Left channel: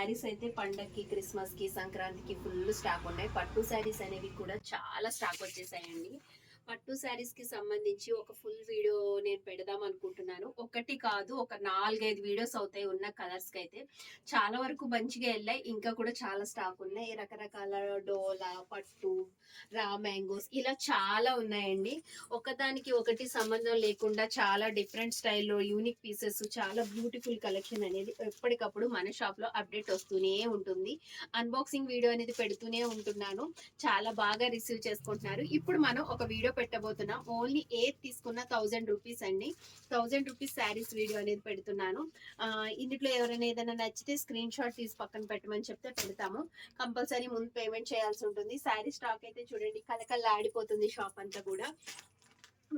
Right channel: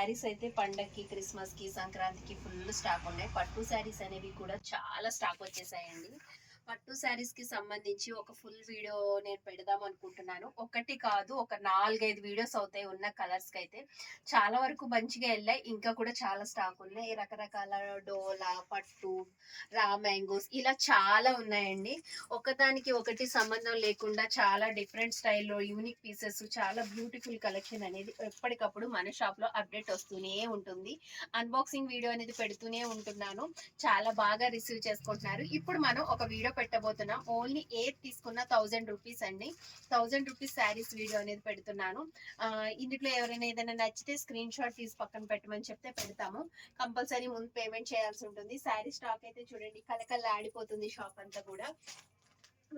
శారీస్ అయితే పండగకి క్రిస్మస్కి సంక్రాంతికి ఫుల్ స్టాక్ ఉన్నాయి. పట్టు శారీస్ అనేవి కూడా చాలా స్టాక్ వచ్చేసాయండి. పట్టు శారీస్కి సంబంధించి ఒక ఫుల్ వీడియో నేను పెడదాం అనుకుంటున్నాను. ఒకటి కాదు ఒక నాలుగైదు వీడియోస్ అవుతాయి ఉన్న కలర్స్కి అయితే. చాలా వరకు మంచిగా వెళ్ళాయి. ఇంకా కూడా చాలా స్టాక్ ఉన్నాయి. రకరకాల డోలా పట్టు రా మ్యాంగోస్ ఇలా చాలా ఉన్నాయండి. ఒకదానికి ఒకటి సంబంధం లేకుండా చాలా డిఫరెంట్ స్టైల్లో యూనిక్ పీసెస్ చాలా బ్యూటిఫుల్ కలెక్షన్ అనేది ఎప్పటికప్పుడు మన షాప్లో అప్డేట్ వస్తూనే ఉంటుంది. అన్బాక్సింగ్ వీడియో అనేది పెడుతూనే ఉంటున్నాను. చాలా బాగా రిసీవ్ చేసుకుంటున్నారు. ఇప్పుడు మనం ఒక వీడియో పెట్టబోతున్నాం. ఓన్లీ ఎయిట్ తీసుకున్న థౌజండ్ రూపీస్ అండి. థౌజండ్ రూపీస్ శారీస్ వీడియో అనేది పెడుతున్నాను. ఇందులో ఎవరైనా ఏదైనా నచ్చితే స్క్రీన్ షాట్ తీసి పక్కన పెట్టమని చెప్తే పెడతాము. కంపల్సరీ ముందు పేమెంట్ చేయాల్సి ఉంటుంది. శారీ స్టాక్ అయితే చూడండి కలకల్లా ఆడిపోతుంది షాప్ అంతా కూడా.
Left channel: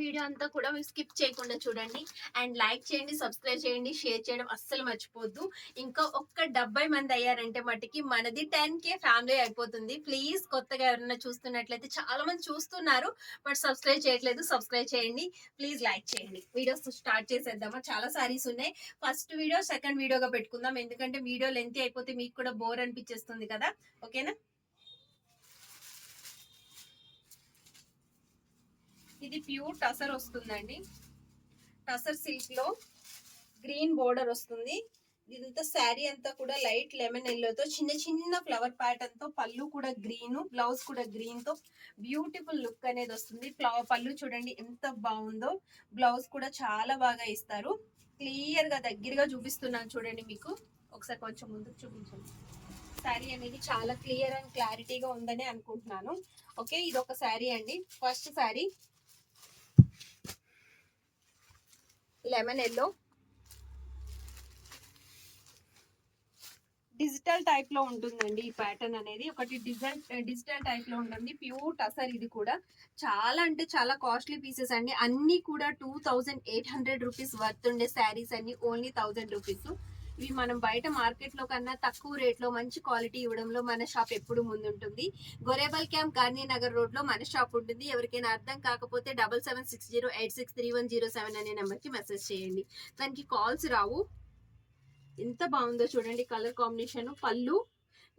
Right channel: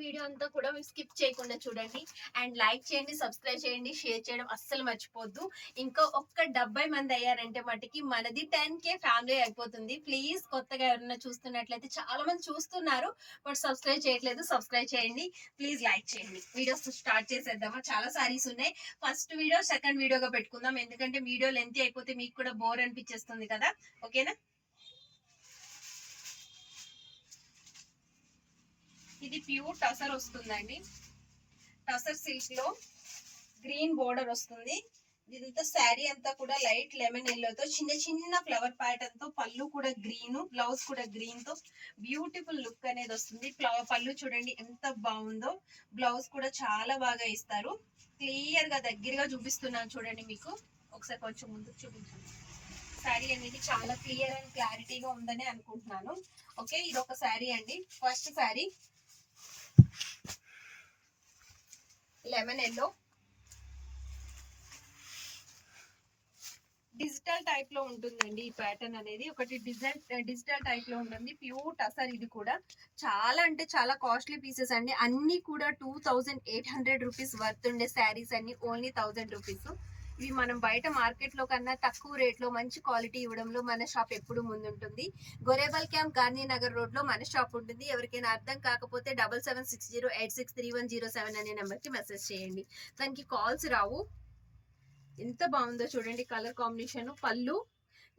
వీడియో అంతా కూడా మీరు స్కిప్ చేయకుండా చూడండి. అండ్ లైక్ చేయండి సబ్స్క్రైబ్ చేయండి షేర్ చేయడం అస్సలు మర్చిపోద్దు. ఇంకా ఒక్క డెబ్బై మంది అయ్యారంటే మటుకి మనది టెన్ కే ఫ్యామిలీ అయిపోతుంది. ప్లీజ్ కొత్తగా ఎవరైనా చూస్తున్నట్లయితే చాలా మంది చూస్తున్నారు బట్ సబ్స్క్రైబ్ చేయట్లేదు సబ్స్క్రైబ్ చేయండి. ప్లీజ్ లైక్ చేయండి. వీడియోస్ స్టార్ట్ చేసేద్దామా? చాలా సారీస్ ఉన్నాయి. ఫస్ట్ వీడియో సెకండ్ వీడియోగా పెట్టుకుందాం. ఎందుకంటే వీడియో లెంత్ అయిపోతే మీకు కూడా బోర్ అనిపించేస్తుంది కదా. ఓకేనా? ప్యూర్ టసర్ వస్తుందండి. టసర్ సిల్క్లో గ్రీన్ బోర్డర్ వస్తుంది. ఇదంతా శారీ అంతా కూడా లైట్ లెమన్ ఎల్లోతో చిన్న చిన్న ఫ్లవర్ ప్యాటర్న్తో పళ్ళు కూడా గ్రీన్ బ్లౌజ్ కూడా గ్రీన్తో బ్యూటిఫుల్ లుక్ అనేది వస్తుంది. ఫ్లవర్ పళ్ళు చూడండి ఎంత బాగుందో. బ్లౌజ్ కూడా చాలా బాగా ఇస్తారు. క్లియర్గా దగ్గరగా చూపిస్తున్నాను చూడండి మీకు. ఒకసారి కొంచెం ముందుకు చూపించండి. శారీ అనేది చాలా క్లియర్ అండ్ క్లారిటీగా ఉందని అనుకుంటున్నాను. ఓకే ఇది ఒక శారీ అండి. First saree lemon yellow. Digital టైప్లో ఉంటుందండి ఈ ప్యాటర్న్ అనేది. ఒకటి డిజైన్ డిజిటల్ టైప్లో ఉంటుంది ప్యూర్ టసర్ ఇది కూడా. చాలా అంటే చాలా కాస్ట్లీ పీసెస్ అండి. అన్ని కూడా two thousand eight hundred rupees worth ఉండే శారీస్ అన్ని ఓన్లీ థౌజండ్ రూపీస్ ఇవి మనం బయట మార్కెట్లో కన్నా తక్కువ రేట్లో మంచి క్వాలిటీ ఇవ్వడంలో మన షాప్ ఎప్పుడు ముందుంటుంది. గొరేబల్ క్యాంప్ గాంధీ నగర్ రోడ్లో మన షాప్ ఉంటుంది. ఎవరికైనా అర్థం కాకపోతే double seven six zero eight six three one zero seven అనే నెంబర్కి మెసేజ్ చేయండి. దానికి కాల్స్ రావు. ఎంత బాగుందో చూడండి కలర్ కాంబినేషన్ పళ్ళు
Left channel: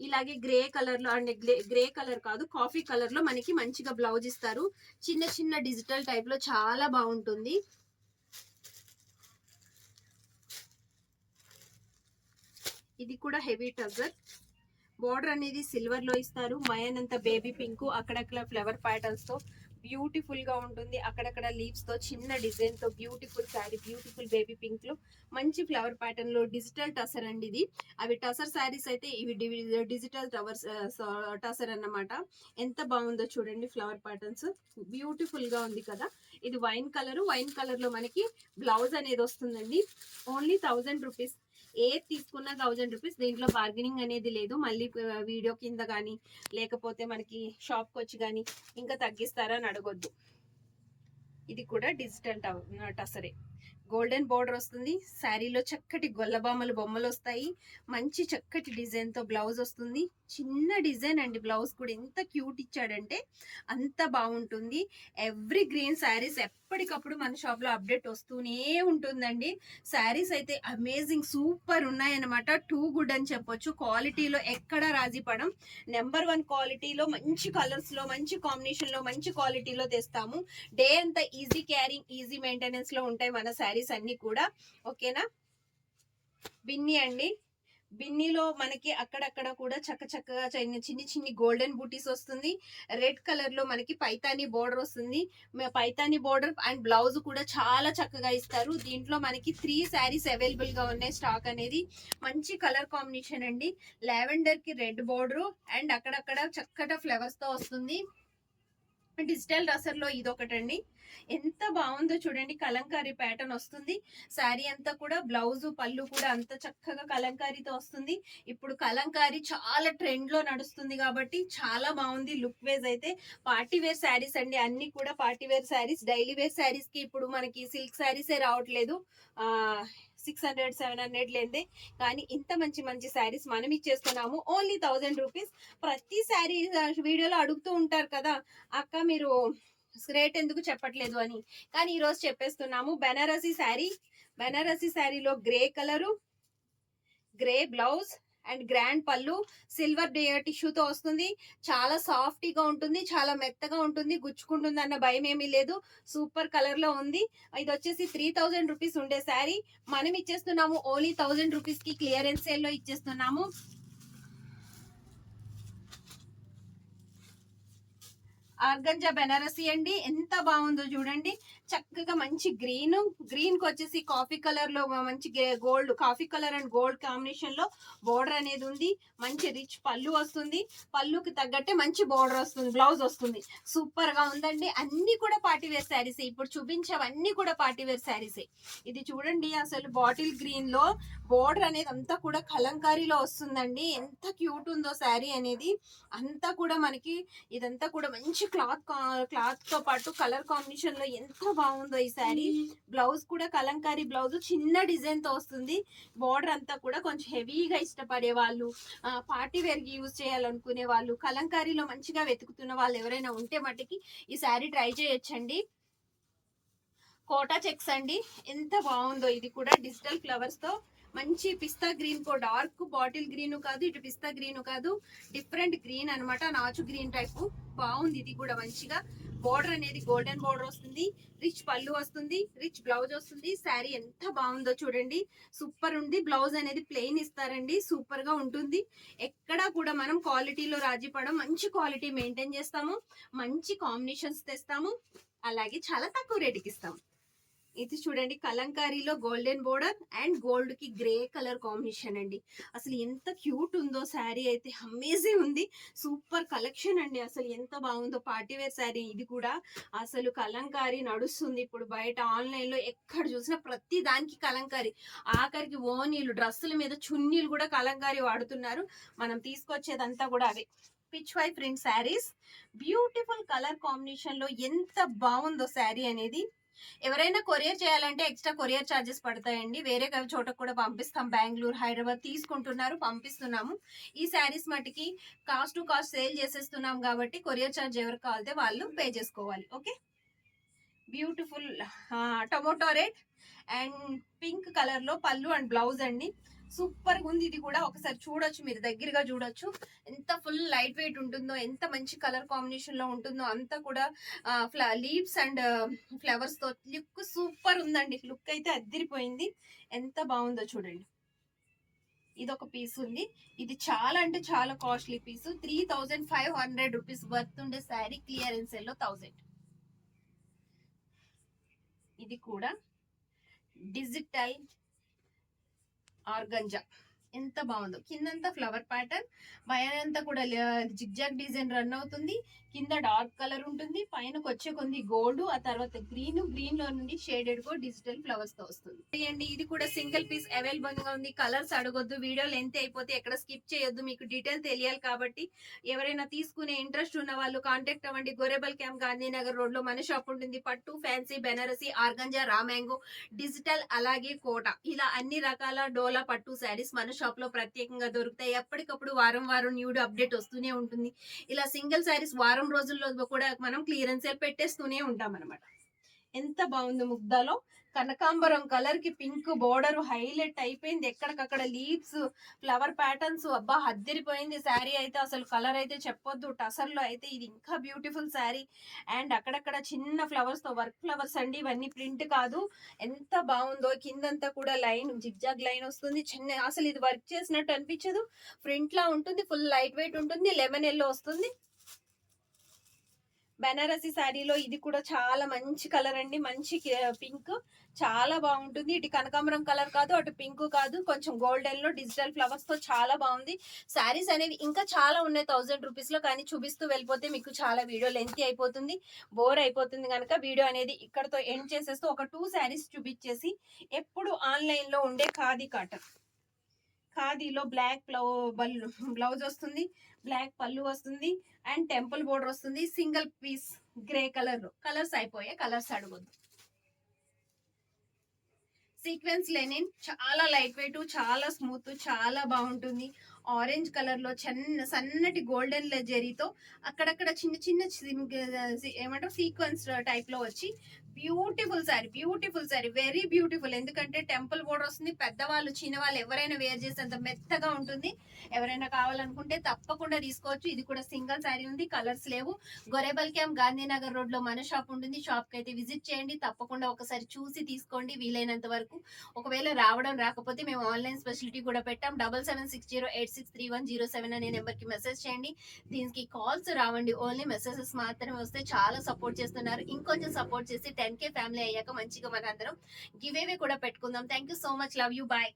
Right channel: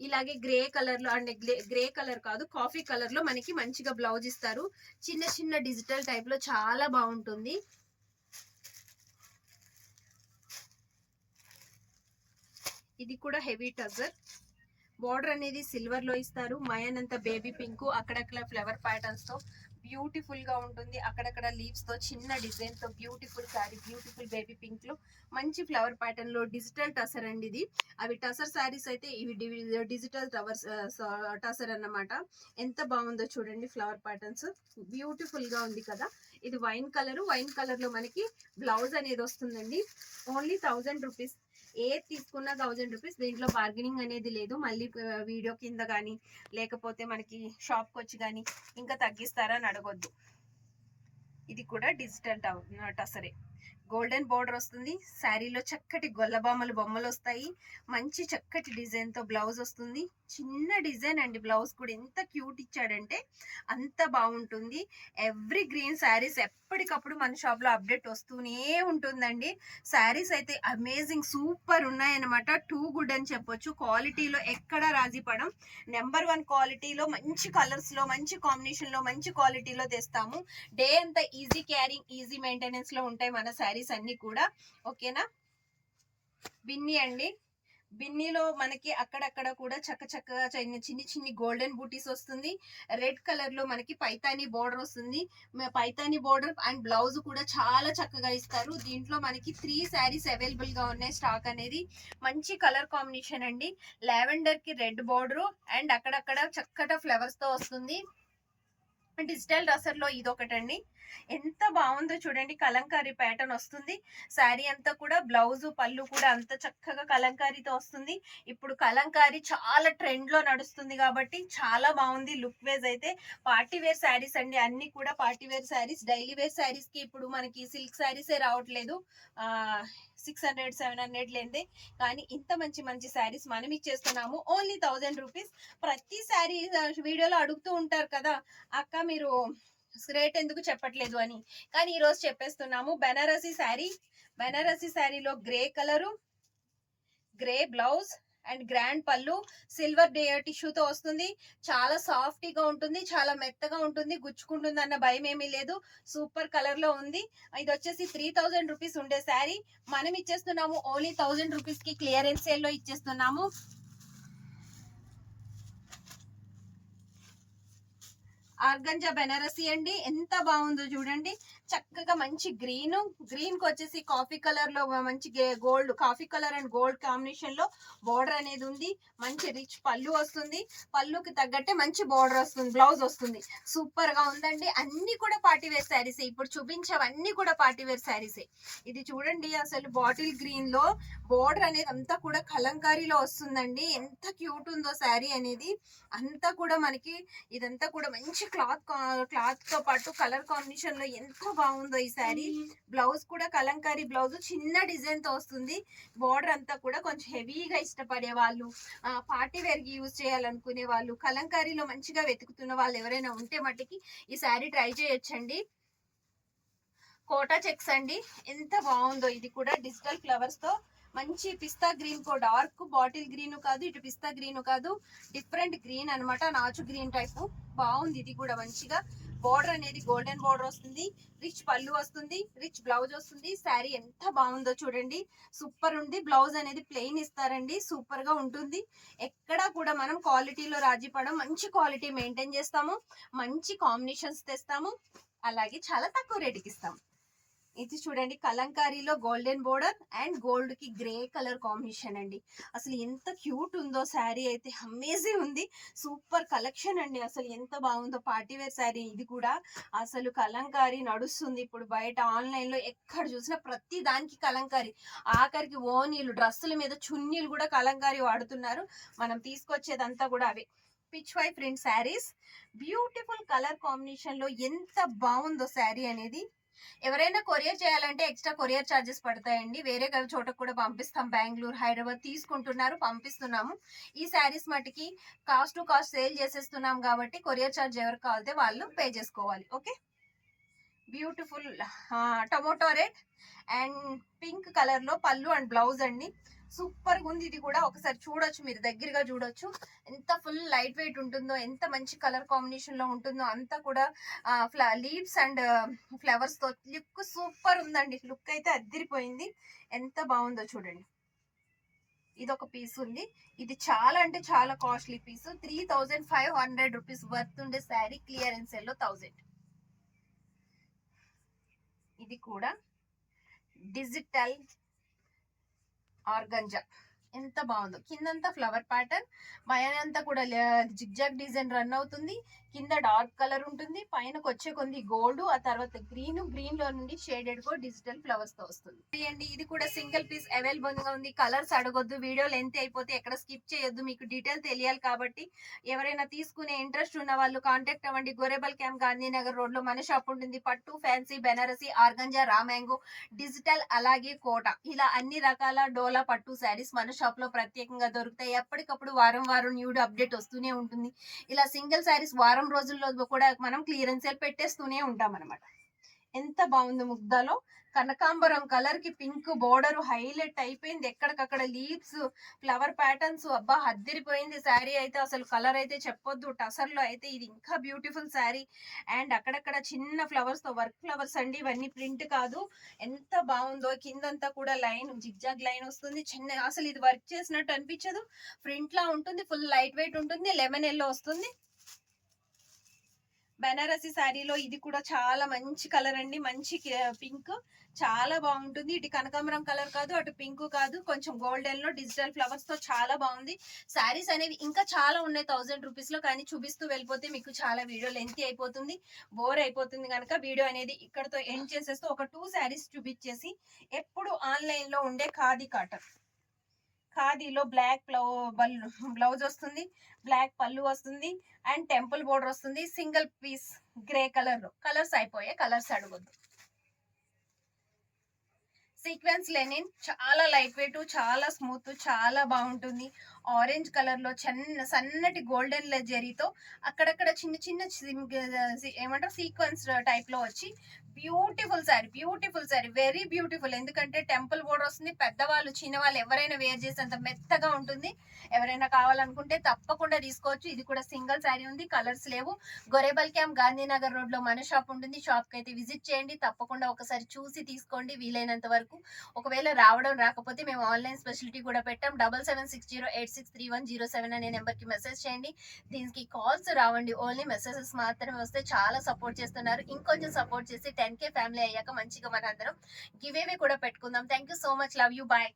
ఇలాగే గ్రే కలర్లో అంటే గ్రే కలర్ కాదు కాఫీ కలర్లో మనకి మంచిగా బ్లౌజ్ ఇస్తారు. చిన్న చిన్న డిజిటల్ టైప్లో చాలా బాగుంటుంది. ఇది కూడా హెవీ టజర్ బార్డర్ అనేది సిల్వర్లో ఇస్తారు. మయన్ అంత బేబీ పింక్ అక్కడక్కడ ఫ్లవర్ ప్యాటర్న్స్తో బ్యూటిఫుల్గా ఉంటుంది. అక్కడక్కడ లీవ్స్తో చిన్న డిజైన్తో బ్యూటిఫుల్ శారీ బ్యూటిఫుల్ బేబీ పింక్లో మంచి ఫ్లవర్ ప్యాటర్న్లో డిజిటల్ టసర్ అండి ఇది. అవి టసర్ శారీస్ అయితే ఇవి డిజిటల్ టవర్స్ టసర్ అన్నమాట. ఎంత బాగుందో చూడండి ఫ్లవర్ ప్యాటర్న్స్. బ్యూటిఫుల్గా ఉంది కదా. ఇది వైన్ కలర్. వైన్ కలర్లో మనకి బ్లౌజ్ అనేది వస్తుందండి. ఓన్లీ థౌజండ్ రూపీస్ ఏది తీసుకున్న థౌజండ్ రూపీస్ దీంట్లో బార్గెనింగ్ అనేది లేదు. మళ్ళీ వీడియో కింద కానీ లేకపోతే మనకి షాప్కి వచ్చి కానీ ఇంకా తగ్గిస్తారా అని అడగొద్దు. ఇది కూడా డిజిటల్ టసరే గోల్డెన్ బోర్డర్ వస్తుంది. శారీలో చక్కటి గొల్లబామలు బొమ్మలు వస్తాయి. మంచి చక్కటి డిజైన్తో బ్లౌజ్ వస్తుంది. చిన్న డిజైన్ అండి బ్లౌజ్ కూడా. ఎంత క్యూట్ ఇచ్చాడంటే అంత బాగుంటుంది. ఎవ్రీ గ్రీన్ శారీస్ ఎప్పటికప్పుడు మన షాప్లో అప్డేట్ వస్తూనే ఉంటుందండి. శారీస్ అయితే అమేజింగ్ సూపర్ ఉన్నాయన్నమాట. టూ గుడ్ అని చెప్పొచ్చు. క్వాలిటీలో ఎక్కడ రాజీ పడం. నెంబర్ వన్ క్వాలిటీలో మంచి కలర్స్లో మంచి కాంబినేషన్లో మంచి క్వాలిటీలో తెస్తాము. డే అంతా ఈజీ క్యారింగ్ ఈజీ మెయింటెనెన్స్లో ఉంటాయి మన శారీస్. అన్ని కూడా ఓకేనా? బిన్ని అండి. బిన్నీలో మనకి అక్కడక్కడ కూడా చక్క చక్కగా చిన్న చిన్ని చిన్ని గోల్డెన్ బూటీస్ వస్తుంది. రెడ్ కలర్లో మనకి పైతాని బోర్డర్ వస్తుంది. Paithani Paithani border and blouse కూడా చాలా చక్కగా ఇస్తారు. దీంట్లో మనకి త్రీ శారీస్ అవైలబుల్గా ఉన్నాయి స్టాక్ అనేది. మంచి కలర్ కాంబినేషన్ అండి. లావెండర్కి రెడ్ బోర్డర్ అండ్ అక్కడక్కడ చక్కట ఫ్లవర్స్తో వస్తుంది. డిజిటల్ రసర్లో ఇది ఒకటండి ఎంత బాగుందో చూడండి. కలంకారీ ప్యాటర్న్ వస్తుంది. శారీ అంతా కూడా బ్లౌజ్ పళ్ళు కూడా అంత చక్కగా కలంకారీతో వస్తుంది. ఇప్పుడు కలంకారీ చాలా ట్రెండ్లో నడుస్తుంది కాబట్టి చాలా బాగుంది లుక్ వేజ్ అయితే పార్టీ వేర్ శారీస్ అండి. అన్ని కూడా party wear sarees. Daily wear శారీస్కి ఇప్పుడు మనకి సిల్క్ శారీసే రావట్లేదు. ఆ సిక్స్ హండ్రెడ్ సెవెన్ హండ్రెడ్ లేదే కానీ ఇంత మంచి మంచి శారీస్ మనం ఇచ్చేస్తున్నాము ఓన్లీ థౌజండ్ రూపీస్ ప్రతి శారీ వీడియోలో అడుగుతూ ఉంటారు కదా అక్క మీరు రేట్ ఎందుకు చెప్పట్లేదు? అని. కానీ ఈరోజు చెప్పేస్తున్నాము బెనారసీ శారీ. బెనారసీ శారీలో grey colour grey blouse and grand పళ్ళు సిల్వర్ టిష్యూతో వస్తుంది. చాలా సాఫ్టీగా ఉంటుంది చాలా మెత్తగా ఉంటుంది గుచ్చుకుంటుంది అన్న భయం ఏమీ లేదు. సూపర్ కలర్లో ఉంది. ఇది వచ్చేసి త్రీ థౌజండ్ రూపీస్ ఉండే శారీ. మనం ఇచ్చేస్తున్నాము ఓన్లీ థౌజండ్ రూపీస్కి క్లియరెన్స్ సేల్లో ఇచ్చేస్తున్నాము. ఆర్గంజా బెనారసీ అండి. ఎంత బాగుందో చూడండి. చక్కగా మంచి గ్రీన్ గ్రీన్కి వచ్చేసి కాఫీ కలర్లో మంచి gold coffee colour and gold కాంబినేషన్లో బోర్డర్ అనేది ఉంది. మంచి రిచ్ పళ్ళు వస్తుంది. పళ్ళుకి తగ్గట్టే మంచి బోర్డర్ వస్తుంది బ్లౌజ్ వస్తుంది. సూపర్గా ఉందండి. అన్ని కూడా పార్టీవేర్ శారీస్ ఇప్పుడు చూపించవన్నీ కూడా పార్టీవేర్ శారీస్ ఇది చూడండి అసలు బాటిల్ గ్రీన్లో బోర్డర్ అనేది అంతా కూడా కలంకారీలో వస్తుందండి. ఎంత క్యూట్ ఉందో శారీ అనేది. అంతా కూడా మనకి ఇదంతా కూడా మంచి క్లాత్ క్లాత్తో పాటు కలర్ కాంబినేషన్లో ఎంత బాగుందో ఈ శారీ. బ్లౌజ్ కూడా కలంకారీ బ్లౌజ్ చిన్న డిజైన్తో వస్తుంది. బోర్డర్ అంతా కూడా కొంచెం హెవీగా ఇష్టపడే వాళ్ళు పార్టీ వేర్కి యూజ్ చేయాలనుకునే వాళ్ళు కలంకారీలో మంచిగా వెతుకుతున్న వాళ్ళు ఎవరైనా ఉంటే మట్టుకి ఈ శారీ ట్రై చేయొచ్చండి. కోటా చెక్స్ అండి. ఎంత బాగుందో ఇది కూడా డిజిటల్ ఫ్లవర్స్తో. మంచి పిస్తా గ్రీన్ కో డార్క్ బాటిల్ గ్రీన్ కాదు ఇటు పిస్తా గ్రీన్ కాదు. డిఫరెంట్ గ్రీన్ అన్నమాట నాచు గ్రీన్ టైప్. బాగుంది ఇది కూడా మంచిగా. బోర్డర్ అనేది గోల్డెన్ బోర్డర్ వస్తుంది రిచ్ పళ్ళు వస్తుంది రిచ్ బ్లౌజ్ వస్తుంది. శారీ ఎంత బాగుందో చూడండి. సూపర్ ఉంది. బ్లౌజ్ అనేది ప్లెయిన్ ఇస్తారండి. సూపర్గా ఉంటుంది. ఎక్కడా కూడా మనం క్వాలిటీలో రాజీ పడం మంచి క్వాలిటీ మెయింటైన్ చేస్తాము. మంచి కాంబినేషన్స్ తెస్తాము. అలాగే చాలా తక్కువ రేటుకి ఇస్తాము. ఇది చూడండి కలంకారీలో గోల్డెన్ బోర్డర్ అండ్ గోల్డ్కి గ్రే కలర్ కాంబినేషన్ అండి. అసలు ఎంత క్యూట్ ఉందో శారీ అయితే అమేజింగ్ ఉంది. సూపర్ కలెక్షన్ అండి. అసలు ఎంత బాగుందో పార్టీ వేర్ శారీ ఇది కూడా. అసలు కలంకారీ నడుస్తుంది ఇప్పుడు బయట ఆన్లైన్లో ఎక్కడ చూసినా ప్రతి దానికి కలంకారీ. ఆఖరికి ఓనీలు డ్రెస్సుల మీద చున్నీలు కూడా కలంకారీ వాడుతున్నారు. మనం తీసుకొచ్చేదంతా కూడా అవే. Pichwai print sarees beautiful colour కాంబినేషన్లో ఎంత బాగుందో శారీ అనేది ఎవరైనా కొరియర్ చేయాలంటే ఎక్స్ట్రా కొరియర్ ఛార్జెస్ పడతాయండి. వేరే చోటకు కూడా పంపిస్తాం. బెంగళూరు హైదరాబాద్ తీసుకుంటున్నారు పంపిస్తున్నాము. ఈ శారీస్ మటుకి కాస్ట్ టు కాస్ట్ సేల్ చేసేస్తున్నాం కాబట్టి కొరియర్ ఛార్జ్ ఎవరు కావాలితే వాళ్ళు పే చేసుకోవాలి. Okay? Beautiful tomato red and pink కలర్లో పళ్ళు అండ్ బ్లౌజ్ అండి. సూపర్గా ఉంది ఇది కూడా. ఒకసారి చూడొచ్చు మీరు దగ్గరగా చూడొచ్చు. ఎంత ఫుల్ లైట్ వెయిట్ ఉంటుందో ఎంత మంచి కలర్ కాంబినేషన్లో ఉంటుందో అంతా కూడా లీవ్స్ అండ్ ఫ్లవర్స్తో లుక్ సూపర్ ఉందండి. లుక్ అయితే అద్దరిపోయింది. ఎంత బాగుందో చూడండి. ఇది ఒక పీస్ ఉంది. ఇది చాలా అంటే చాలా costly piece. Three thousand five hundred rupees worth ఉండే శారీ క్లియరెన్స్లో థౌజండ్. ఇది కూడా డిజిటల్ ఆర్గంజా ఎంత బాగుందో. కిందంతా ఫ్లవర్ ప్యాటర్న్ పైనంతా కూడా జిగ్జాగ్ డిజైన్ రన్ అవుతుంది. కింద డార్క్ కలర్ ఉంటుంది. పైనకి వచ్చే కొంది గోల్డ్ ఆ తర్వాత గ్రీన్ గ్రీన్లో నుండి షేడెడ్ గో డిజిటల్ ఫ్లవర్స్తో వస్తుంది. అండి ఇది కూడా సింగిల్ పీస్ అవైలబుల్గా ఉంది. కలర్స్ అడగొద్దు. వీడియో లెంత్ అయిపోతే ఎక్కడ స్కిప్ చేయొద్దు. మీకు డీటెయిల్ తెలియాలి కాబట్టి ఎవరైనా తీసుకునే ఇంట్రెస్ట్ ఉన్న వాళ్ళు కాంటాక్ట్ అవ్వండి. గొరేబల్ క్యాంప్ గాంధీనగర్ రోడ్లో మన షాప్ ఉంటుంది. పట్టు fancy Banarasi organza raw mango digital అలాగే కోట. ఇలా అన్ని రకాల డోలా పట్టు శారీస్ మన షాప్లో ప్రత్యేకంగా దొరుకుతాయి. ఎప్పటికప్పుడు వారం వారం న్యూ అప్డేట్ వస్తూనే ఉంటుంది. ఇలా సింగిల్ శారీస్ వారం రోజుల్లో కూడా మనం క్లియరెన్స్ సేల్ పెట్టేస్తూనే ఉంటాం అనమాట ఎంత బాగుంది ముగ్ధాలో. కనకాంబరం కలర్కి పింక్ బోర్డర్ హైలైట్ అయిపోయింది. ఎక్కడికక్కడ లీవ్స్ ఫ్లవర్ ప్యాటర్న్స్ అబ్బా హద్దిరిపోయింది శారీ అయితే. అసలు కలర్ అయితే చెప్పొద్దు. టసర్లో అయితే ఇది ఇంకా బ్యూటిఫుల్ శారీ. అండ్ అక్కడక్కడ చిన్న ఫ్లవర్స్తో వర్క్ ఫ్లవర్స్ అండి. ఇవన్నీ ప్రింట్ కాదు. ఎంత బాగుందో. కిందంతా కూడా లైన్ జిగ్జాగ్ లైన్ వస్తుంది. చిన్న అసలు ఇది వర్క్ చేసినట్టు అనిపించదు. ఫ్రంట్ లా ఉంటుంది. ఫుల్ లైట్ వెయిట్ ఉంటుంది. లెమన్ ఎల్లో వస్తుంది. బెనారసి శారీలో ఇది కూడా చాలా మంచి కలర్ అండి. మంచి పింక్. చాలా బాగుంటుంది. ఇటు కనకాంబరం కలర్ కాదు అటు పింక్ కాదు. కొంచెం గోల్డెన్లో డిజిటల్ ఫ్లవర్స్తో చాలా బాగుంది. శారీస్ అనేవి ఇంకా చాలా ఉన్నాయి థౌజండ్ రూపీస్లో కానీ చూపిస్తూ వెళ్ళిపోతే మీకు చాలా వీడియో లెంత్ అయిపోతుంది. బోర్ అయిపోతుంది కనుక వీడియో అనేది ఇక్కడతో ఎండ్ చేసేస్తూ ఒక టూ శారీస్ చూపించేసి ఎప్పుడు ఆన్లైన్లో ఉండే ఖాదీ కాటన్. ఖాదీలో బ్లాక్ బ్లౌజ్ వస్తుంది బ్లాక్ పళ్ళు వస్తుంది అండ్ టెంపుల్ బోర్డర్ వస్తుంది సింగిల్ పీస్ గ్రే కలర్లో. కలర్స్ అయిపోయాయి కలర్స్ అడగొద్దు. సీక్వెన్స్ లెనిన్ చాలా లైట్ వెయిట్ చాలా స్మూత్ చాలా బాగుంటుంది. ఆరెంజ్ కలర్లో చిన్న సన్నటి గోల్డెన్ జరీతో అక్కడక్కడ చిన్న చిన్న ఏమంటారు? సీక్వెన్స్ టైప్లో వచ్చి beautiful sari beautiful sari very beautiful. ఎందుకంటే టెంపుల్ బోర్డర్ వస్తుంది పెద్దవాళ్ళు చిన్నవాళ్ళు ఎవరైనా వేర్ చేసేంత మెత్తగా ఉంటుంది. ఎవరైనా కావాలనుకుంటే తప్పకుండా తీసుకోవచ్చు. ఇది కూడా సింగిల్ శారీ ఉంది కలర్స్ లేవు. గొరేబల్ క్యాంప్ గాంధీనగర్ రోడ్లో మన షాప్ ఉంటుంది. షాప్కి అయితే విజిట్ చేయండి. తప్పకుండా ఒకసారి చూసి తీసుకోండి వీలైనంత వరకు. ఒకవేళ రావడం రాకపోతే మేము ఆన్లైన్ స్పెషాలిటీ కూడా పెట్టాం. Double seven six zero eight six three one zero seven అనే నెంబర్కి మెసేజ్ చేయండి. దీనికి కాల్స్ రావండి. ఓన్లీ మెసేజెస్ మాత్రమే వస్తే చాలా సపోర్ట్ చేస్తున్నారు. ఇంకొంచెం సపోర్ట్ చేసి టెన్ కే ఫ్యామిలీ అయ్యాక మంచిగా మనందరం గివ్ అవే కూడా పెట్టుకుందాం. Thank you so much. Love you. Bye.